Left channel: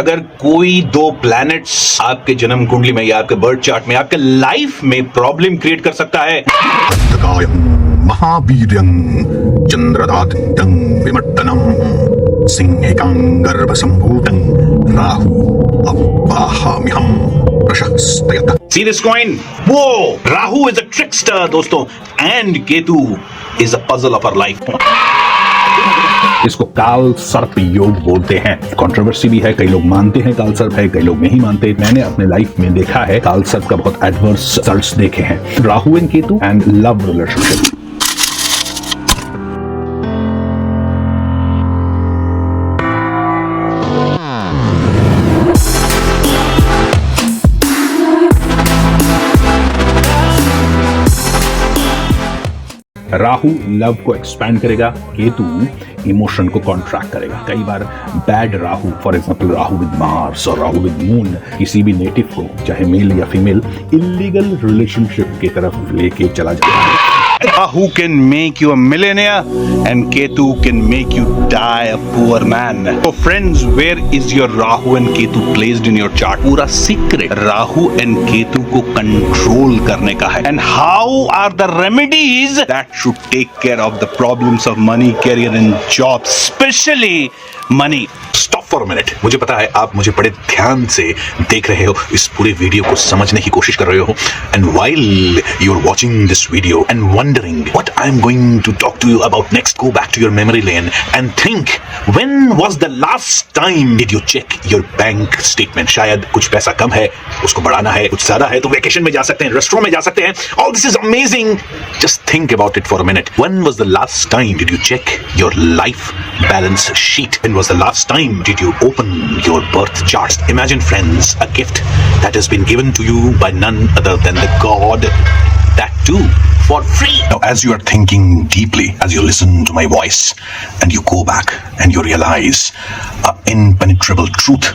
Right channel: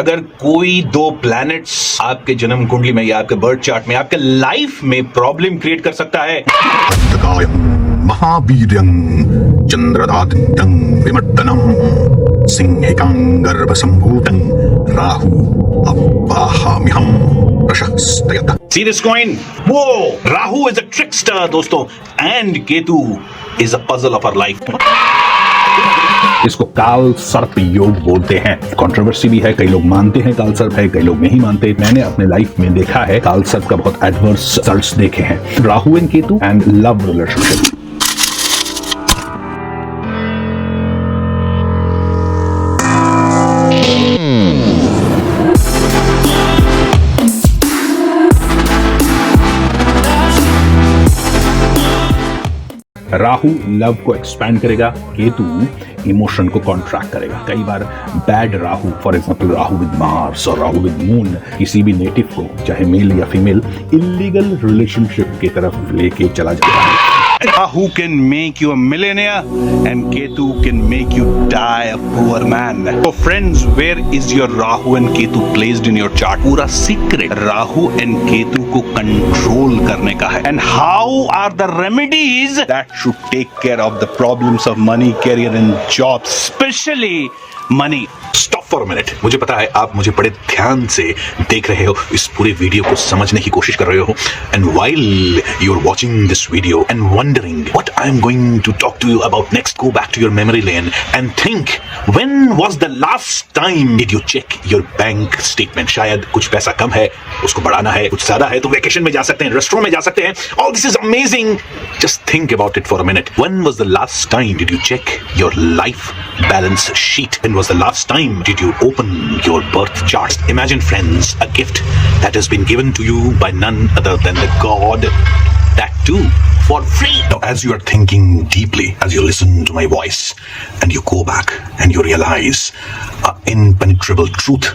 अगर कोई दो प्लैनेट्स आपके जन्म कुंडली में या आपके बर्थ चार्ट में आपके लाइफ में प्रॉब्लम क्रिएट कर सकता है, महावीर्यं चंद्रदादित्यं विमर्दनं सिंहिकं गर्भसम्भूतं Rahu अववाहम्यहं प्रशंसयत। See this coin? Whoa! Rahu is a trickster, दोस्तों, and Ketu is a puzzle of our life. इसको काल सर्प योग बोलते हैं। कंट्रोवर्सी भी है, कई लोग मानते हैं काल सर्प है, कई लोग नहीं मानते। मैंने अपने लाइफ में देखा है काल सर्प का बहुत एडवर्स रिजल्ट्स देखे हैं। Rahu and Ketu and love relationship. Rahu love को एक्सपैंड करेगा, केतु इमोशन को कॉन्ट्रैक्ट करेगा। कई बार bad Rahu, for example Rahu with Mars और राहु विद मून, किसी भी नेटिव को, चाहे मेल या फीमेल, इलीगल रिलेशनशिप की तरफ लेके चला जाता है। Rahu can make you a millionaire and Ketu can make you die a poor man. So friends, where is your Rahu and Ketu placed in your chart? पूरा secret Rahu and Ketu को control करने का है. And how are the remedies that should take care of the problems of money, career and jobs, especially money? Stop for a minute. मुझे पता है आप मुझे बड़े ध्यान से देख रहे हो, इस पूरे वीडियो को समझने की कोशिश कर रहे हो, and while you're watching this video and wondering what I'm going to talk to you about next, go back to your memory lane and think, when was the last time did you check your bank statement? शायद कुछ पैसा कम है, उसको बढ़ाना है, कुछ ज्यादा है तो वेकेशन में जा सकते हैं, रेस्टोरेंट में जा सकते हैं. All this is amazing. Just think about it for a minute. When was the last time did you check your life balance sheet? When was the last time did you open your birth chart? Imagine, friends, a gift that has been given to you by none other than the God, that too for free. Now, as you are thinking deeply, as you listen to my voice and you go back and you realize an impenetrable truth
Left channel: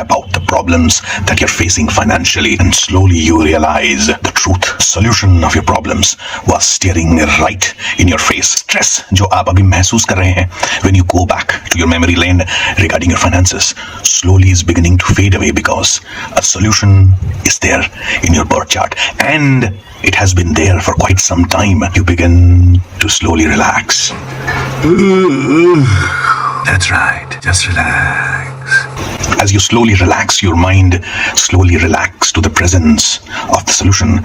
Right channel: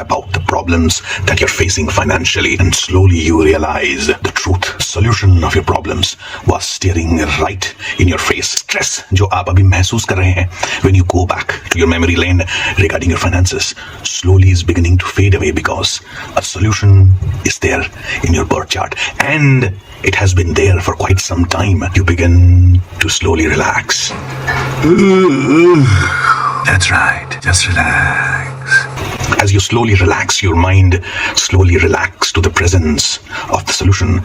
about the problems that you're facing financially, and slowly you realize the truth, solution of your problems was staring right in your face. Stress जो आप अभी महसूस कर रहे हैं, when you go back to your memory lane regarding your finances, slowly is beginning to fade away because a solution is there in your birth chart and it has been there for quite some time. You begin to slowly relax. That's right. Just relax. As you slowly relax, your mind slowly relax to the presence of the solution.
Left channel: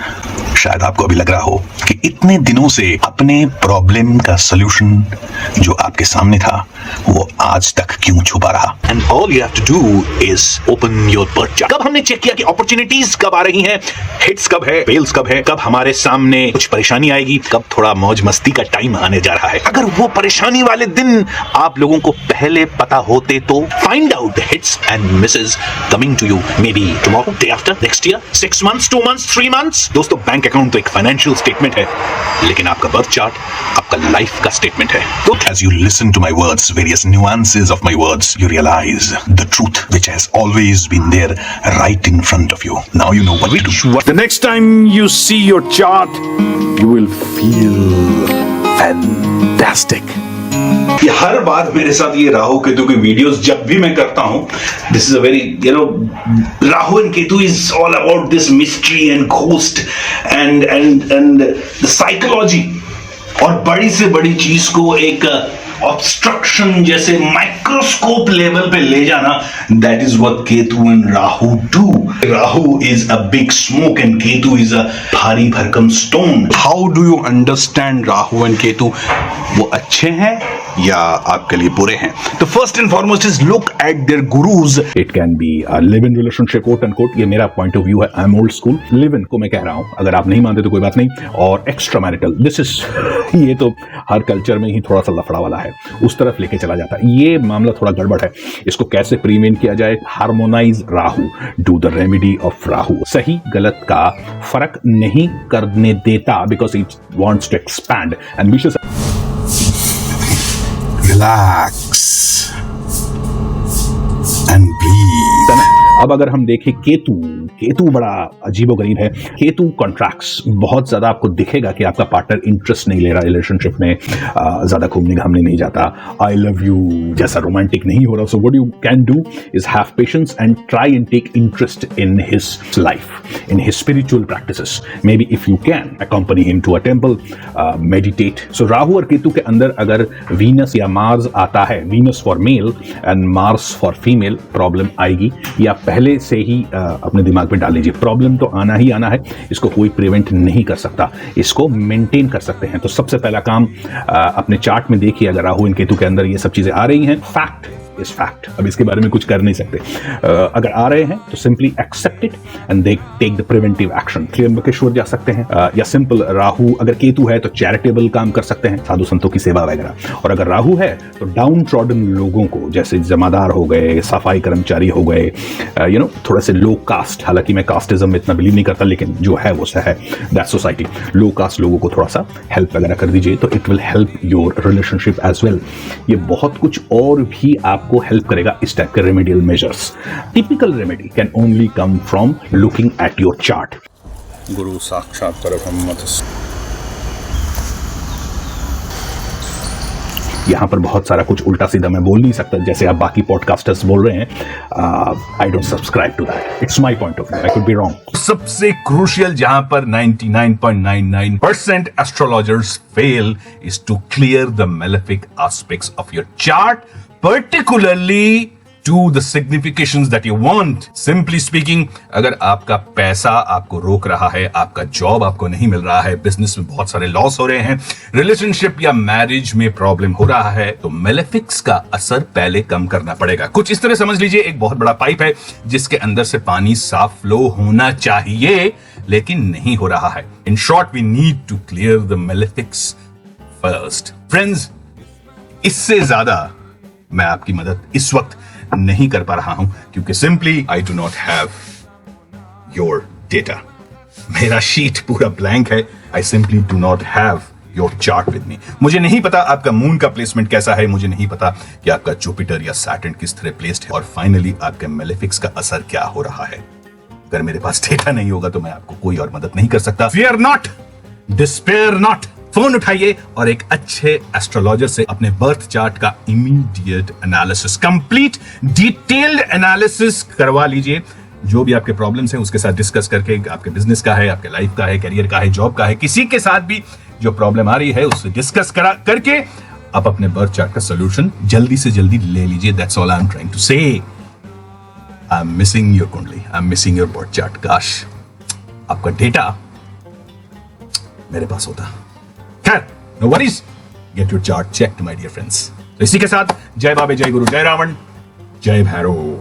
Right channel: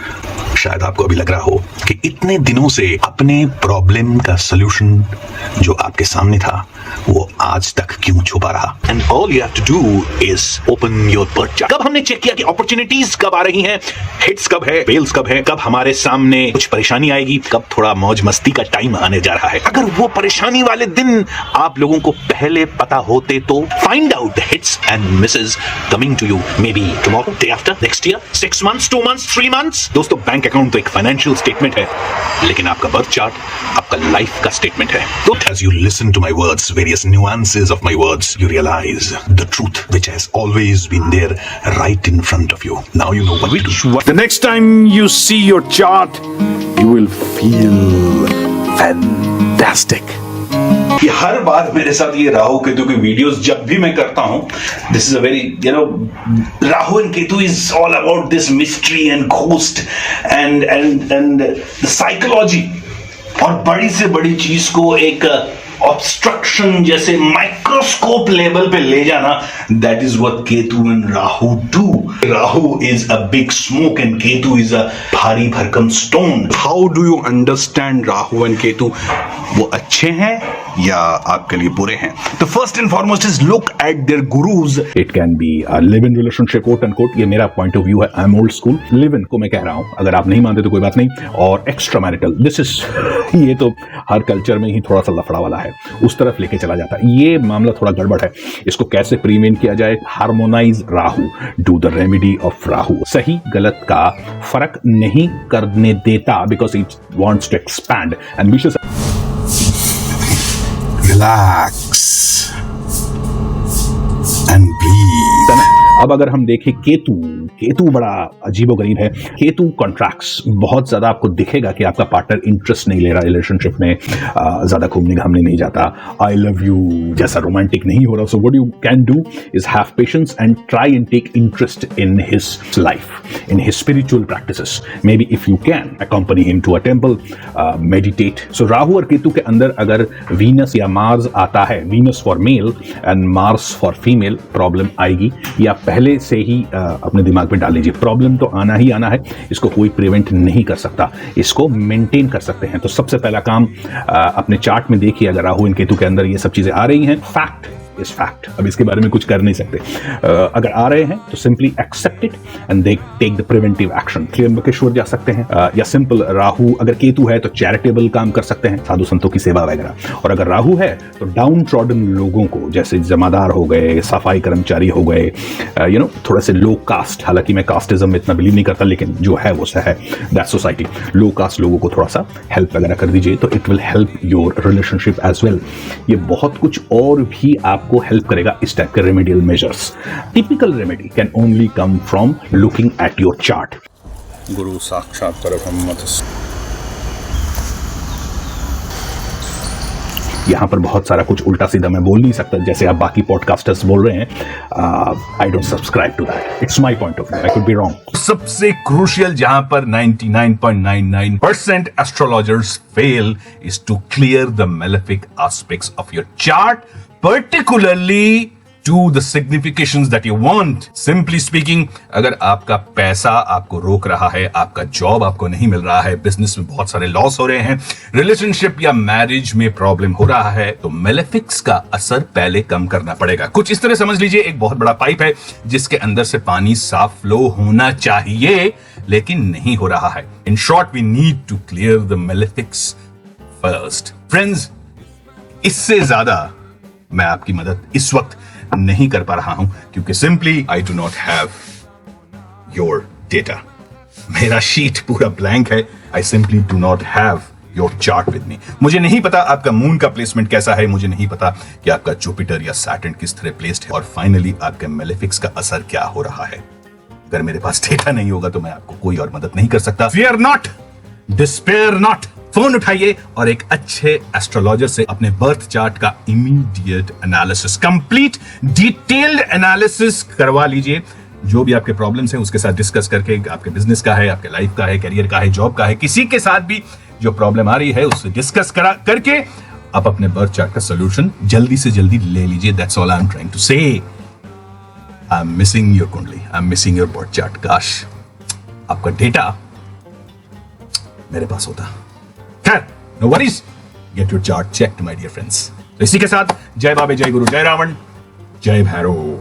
शायद आपको अभी लग रहा हो कि इतने दिनों से अपने प्रॉब्लम का सॉल्यूशन जो आपके सामने था वो आज तक क्यों छुपा रहा. And all you have to do is open your birth chart. कब हमने चेक किया कि अपॉर्चुनिटीज कब आ रही हैं, हिट्स कब है, फेल्स कब है, कब हमारे सामने कुछ परेशानी आएगी, कब थोड़ा मौज मस्ती का टाइम आने जा रहा है. अगर वो परेशानी वाले दिन आप लोगों को पहले पता होते तो find out the hits and misses coming to you maybe tomorrow, day after, next year, 6 months, 2 months, 3 months. दोस्तों, बैंक अकाउंट तो एक फाइनेंशियल स्टेटमेंट है, लेकिन आपका बर्थ चार्ट आपका लाइफ का स्टेटमेंट है. As you listen to my words, various nuances of my words, you realize the truth which has always been there right in front of you. Now you know what to do. The next time you see your chart, you will feel fantastic. ये हर बात मेरे साथ ये राहु केतु की videos जब भी मैं करता हूँ, this is a very Rahu and Ketu is all about this mystery and ghost and the psychology, और बड़ी से बड़ी चीज को एक ऑब्स्ट्रक्शन जैसे माइक्रोस्कोप लेवल पे ले जाना, that is what Ketu and Rahu do. Rahu is a big smoke and Ketu is a भारी भरकम stone. How do you understand Rahu and Ketu? वो अच्छे हैं या आपके लिए बुरे हैं? तो first and foremost is look at their gurus. It can be a live in relationship, quote and quote. ये मेरा पॉइंट ऑफ व्यू है, I am old school. Live in को मैं कह रहा हूं, अगर आप नहीं मानते तो कोई बात नहीं. और एक्स्ट्रा मैरिटल, दिस इज ये तो हर कल्चर में ही थोड़ा सा लफड़ा वाला है, उस तरफ लेके चला जाता है. ये मामला थोड़ा गड़बड़ है. इसको कैसे प्रीवेंट किया जाए? Harmonise Rahu, do the remedy of Rahu. सही गलत का फर्क नहीं करने देता because it wants to expand. And विशेष Relax and breathe. अब अगर हम देखें केतु बड़ा अजीबोगरीब है। केतु कॉन्ट्रैक्ट्स, बहुत ज्यादा आपको दिखेगा कि आपका पार्टनर इंटरेस्ट नहीं ले रहा रिलेशनशिप में, ज्यादा घूमने घामने नहीं जाता, आई लव यू जैसा रोमांटिक नहीं हो रहा। So what you can do is have patience and try and take interest in his life, in his spiritual practices. Maybe if you can accompany him to a temple, meditate. So Rahu और केतु के अंदर अगर Venus या Mars आता है, Venus for male and Mars for female, problem आएगी। या पहले से ही अपने दिमाग में डाल लीजिए, प्रॉब्लम तो आना ही आना है, इसको कोई प्रिवेंट नहीं कर सकता, इसको मेंटेन कर सकते हैं। तो सबसे पहला काम अपने चार्ट में देखिए, अगर राहु और केतु के अंदर ये सब चीजें आ रही हैं, फैक्ट इज फैक्ट, अब इसके बारे में कुछ कर नहीं सकते। अगर आ रहे हैं तो simply accept it and they take the preventive action. Trimbakeshwar जा सकते हैं, या सिंपल राहु अगर केतु है तो चैरिटेबल काम कर सकते हैं, साधु संतों की सेवा वगैरह। और अगर राहु है तो डाउन ट्रॉडन लोगों को, जैसे जमादार हो गए, सफाई कर्मचारी हो गए, थोड़ा से लो कास्ट, हालांकि मैं कास्टिज्म में इतना बिलीव नहीं करता, लेकिन जो है वो है दैट सोसाइटी, लो कास्ट लोगों को थोड़ा सा हेल्प वगैरह कर दीजिए, तो it will help your relationship as well. ये बहुत कुछ और भी आपको हेल्प करेगा इस टाइप के remedial measures. Typical remedy can only come from looking at your chart. गुरु साक्षात परब्रह्म। यहां पर बहुत सारा कुछ उल्टा सीधा मैं बोल नहीं सकता, जैसे आप बाकी पॉडकास्टर्स बोल रहे हैं। I don't subscribe to that, it's my point of view, I could be wrong. सबसे क्रूशियल जहां पर 99.99% astrologers fail is to clear the malefic aspects of your chart, particularly to the significations that you want. Simply speaking, अगर आपका पैसा आपको रोक रहा है, आपका जॉब आपको नहीं मिल रहा है, बिजनेस में बहुत सारे लॉस हो रहे हैं, रिलेशनशिप या मैरिज में प्रॉब्लम हो रहा है, तो मेलेफिक्स का असर पहले कम करना पड़ेगा। कुछ इस तरह समझ लीजिए, एक बहुत बड़ा पाइप है जिसके अंदर से पानी साफ फ्लो होना चाहिए, लेकिन नहीं हो रहा है। In short, we need to clear the malefics first. Friends, इससे ज्यादा मैं आपकी मदद इस वक्त नहीं कर पा रहा हूं, क्योंकि simply I do not have your data. मेरा शीट पूरा ब्लैंक है। I simply do not have your chart with me. मुझे नहीं पता आपका मून का प्लेसमेंट कैसा है, मुझे नहीं पता कि आपका जुपिटर या सैटर्न किस तरह प्लेस्ड है, और फाइनली आपके मेलेफिक्स का असर क्या हो रहा है। अगर मेरे पास डेटा नहीं होगा तो मैं आपको कोई और मदद नहीं कर सकता। Fear not, despair not। Phone उठाइए और एक अच्छे एस्ट्रोलॉजर से अपने बर्थ चार्ट का immediate analysis, complete detailed analysis करवा लीजिए। जो भी आपके प्रॉब्लम्स हैं उसके साथ डिस्कस करके, आपके बिजनेस का है, आपके लाइफ का है, करियर का है, जॉब का है, किसी के साथ भी जो प्रॉब्लम आ रही है उससे डिस्कस करके आप अपने बर्थ चार्ट का सॉल्यूशन जल्दी से जल्दी ले लीजिए। That's all I am trying to say. I am missing your kundli, I am missing your birth chart. काश आपका डेटा मेरे पास होता। No worries. Get your chart checked, my dear friends. इसी के साथ जय बाबे, जय गुरु, जय रावण, जय भैरव।